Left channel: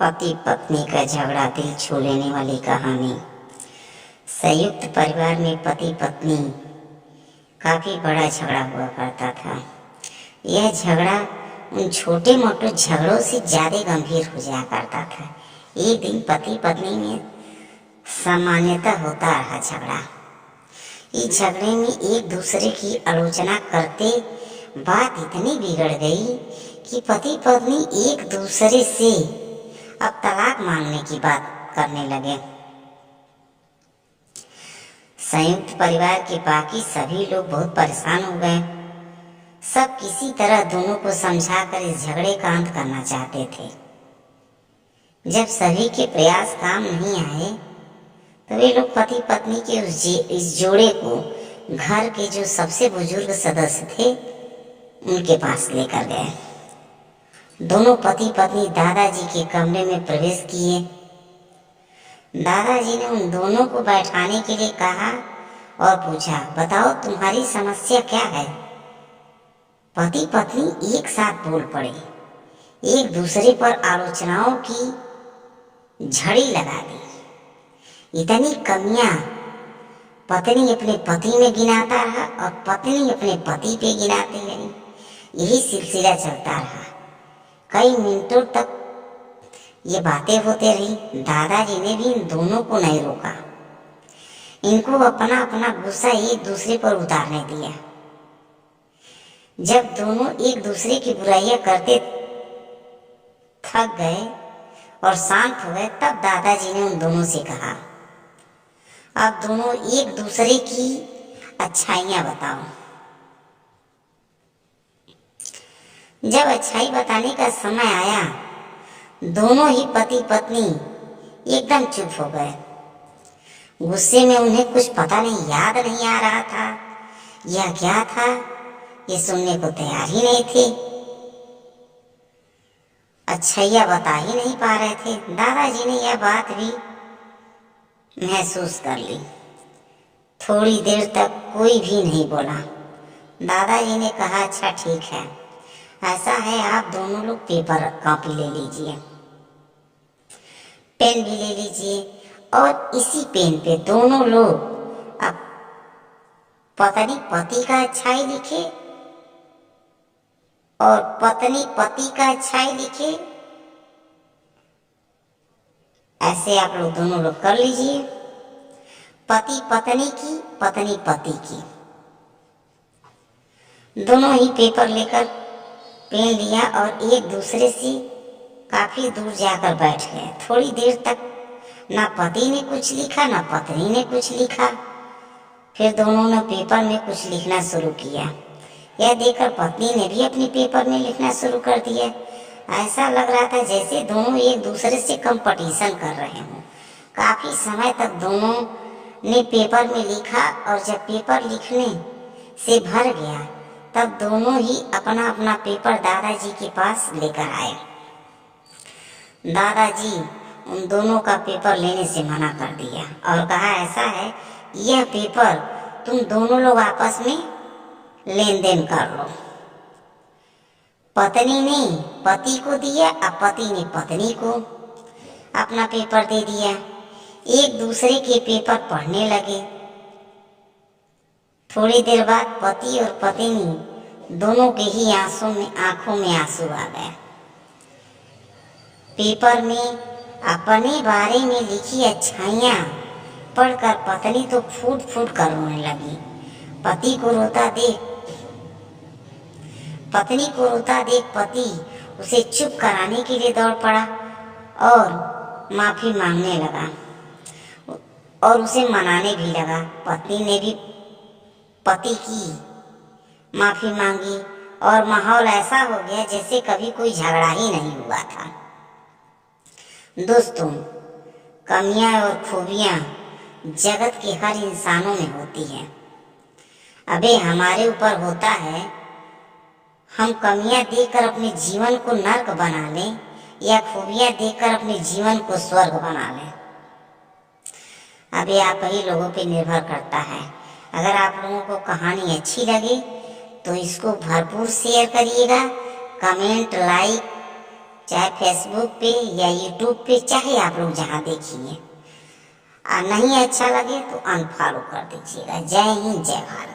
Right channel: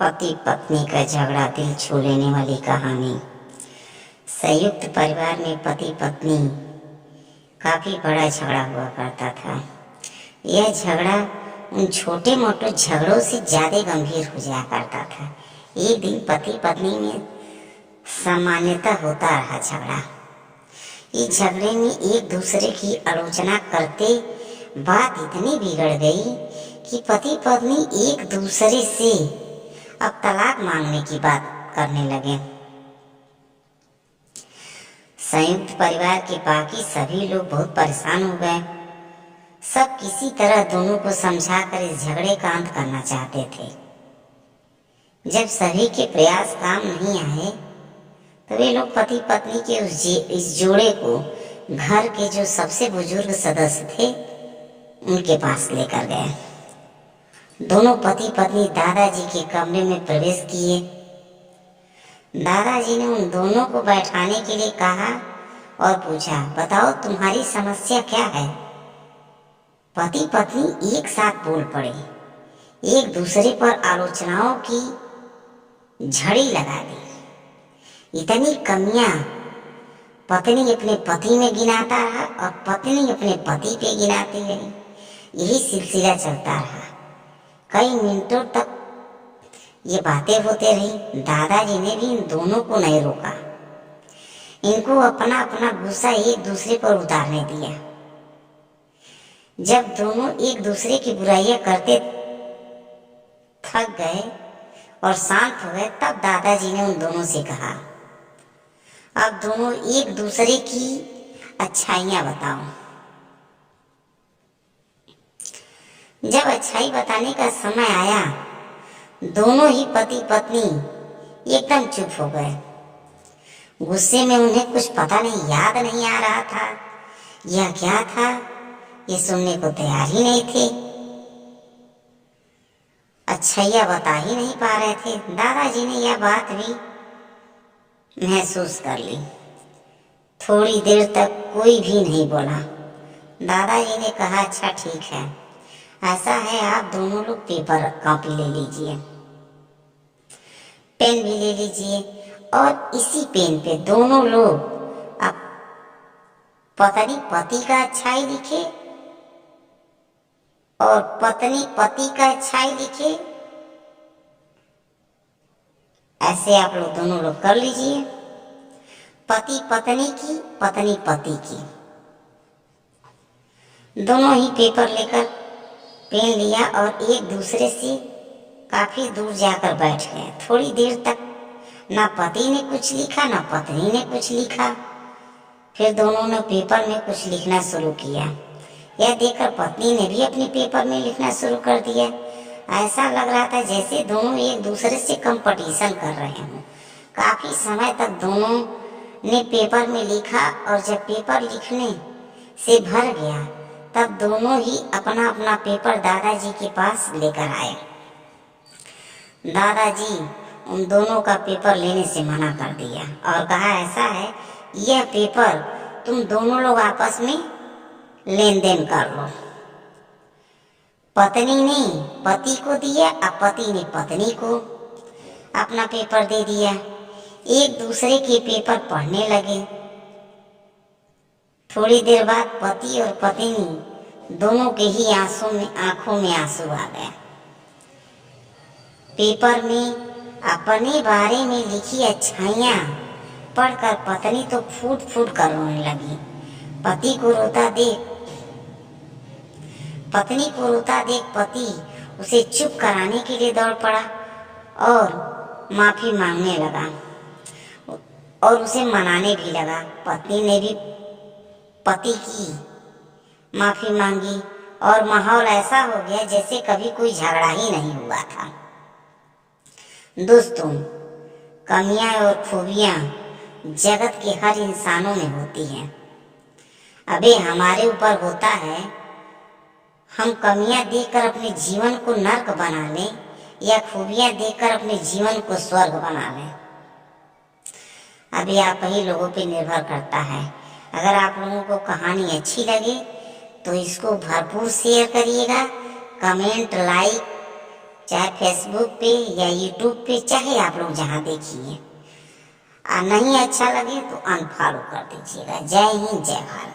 पति पत्नी का झगड़ा दिल छू लेने वाली कहानी। संयुक्त परिवार में पति पत्नी काफ़ी बड़ा झगड़ा हुआ करता था। यह झगड़ा उन छोटे मोटे झगड़ों से ज़्यादा गंभीर हो जाया करता था। एक दिन पति पत्नी में सामान्यतः होता रहा झगड़ा। इस झगड़े में एक दूसरे की आलोचना करते बात इतनी बिगड़ गई कि पति पत्नी एक दूसरे से अब तलाक मांगने की बात करने लगे। संयुक्त परिवार के बाकी सभी लोग बहुत परेशान हो गए। सब किसी तरह दोनों को समझाकर इस झगड़े का अंत करना चाहते थे। जब सभी के प्रयास काम नहीं आए तो वे लोग पति पत्नी के इस जोड़े को घर के जो सबसे बुजुर्ग सदस्य थे उनके पास लेकर गए। दोनों पति पत्नी दादाजी के कमरे में प्रवेश किए। दादाजी ने उन दोनों को बैठाने के लिए कहा और पूछा, बताओ तुम्हारी समस्या क्या है। पति पत्नी एक साथ बोल पड़े। एक दूसरे पर आलोचनाओं की झड़ी लगा दी। इतनी कमियां पत्नी अपने पति में गिनाता रहा और पत्नी अपने पति पे गिनाती रही। यही सिलसिला चलता रहा। कई मिनटों तक ये बातें होते रही। दादाजी ने भी इन दोनों को नहीं रोका। इनको अपना अपना गुस्सा एक दूसरे पर उतारने दिया। जब दोनों एक दूसरे की बुराइयां करते थक गए और शांत हो गए, तब दादाजी ने उन दोनों से कहा, अब दोनों एक दूसरे की अच्छाइयां बताओ। जब अच्छाई बताने का समय आया, दोनों ही पति पत्नी एकदम चुप हो गए। गुस्से में उन्हें कुछ पता नहीं, याद नहीं आ रहा था यह क्या था। ये सुनने को तैयार ही नहीं थे। अच्छाइयाँ बता ही नहीं पा रहे थे। दादाजी ने यह बात भी महसूस कर ली। थोड़ी देर तक कोई भी नहीं बोला। दादाजी ने कहा, अच्छा ठीक है, ऐसा है, आप दोनों लोग पेपर कॉपी ले लीजिए, पेन भी ले लीजिए और इसी पेन पे दोनों लोग अब पत्नी पति का अच्छाई लिखे और पत्नी पति का अच्छाई लिखे। ऐसे आप लोग दोनों लोग कर लीजिए। पति पत्नी की, पत्नी पति की। दोनों ही पेपर लेकर पेन लिया और एक दूसरे से काफी दूर जाकर बैठ गए। थोड़ी देर तक ना पति ने कुछ लिखा ना पत्नी ने कुछ लिखा। फिर दोनों ने पेपर में कुछ लिखना शुरू किया। यह देखकर पत्नी ने भी अपने पेपर में लिखना शुरू कर दिया। ऐसा लग रहा था जैसे दोनों एक दूसरे से कंपटीशन कर रहे हों। काफी समय तक दोनों ने पेपर में लिखा और जब पेपर लिखने से भर गया तब दोनों ही अपना अपना पेपर दादाजी के पास लेकर आए। दादाजी उन दोनों का पेपर लेने से मना कर दिया और कहा, ऐसा है, यह पेपर तुम दोनों लोग आपस में लेन देन कर लो। पत्नी ने पति को दिया और पति ने पत्नी को अपना पेपर दे दिया। एक दूसरे के पेपर पढ़ने लगे। थोड़ी देर बाद पति और पत्नी दोनों के ही आंखों में आंसू आ गए। पेपर में अपने बारे में लिखी अच्छाइयाँ पढ़कर पत्नी तो फूट फूट कर रोने लगी। पत्नी को रोता देख पति उसे चुप कराने के लिए दौड़ पड़ा और माफी मांगने लगा और उसे मनाने भी लगा। पत्नी ने भी पति की माफी मांगी और माहौल ऐसा हो गया जैसे कभी कोई झगड़ा ही नहीं हुआ था। दोस्तों, कमियां और खूबियां जगत के हर इंसानों में होती हैं। अबे हमारे ऊपर होता है हम कमियां देखकर अपने जीवन को नर्क बना लें या खूबियां देखकर अपने जीवन को स्वर्ग बना लें। अभी आप ही लोगों पे निर्भर करता है। अगर आप लोगों को कहानी अच्छी लगे तो इसको भरपूर शेयर करिएगा, कमेंट, लाइक चाहे फेसबुक पे या यूट्यूब पे, चाहे आप लोग जहाँ देखिए। और नहीं अच्छा लगे तो अनफॉलो कर दीजिएगा। जय हिंद, जय भारत।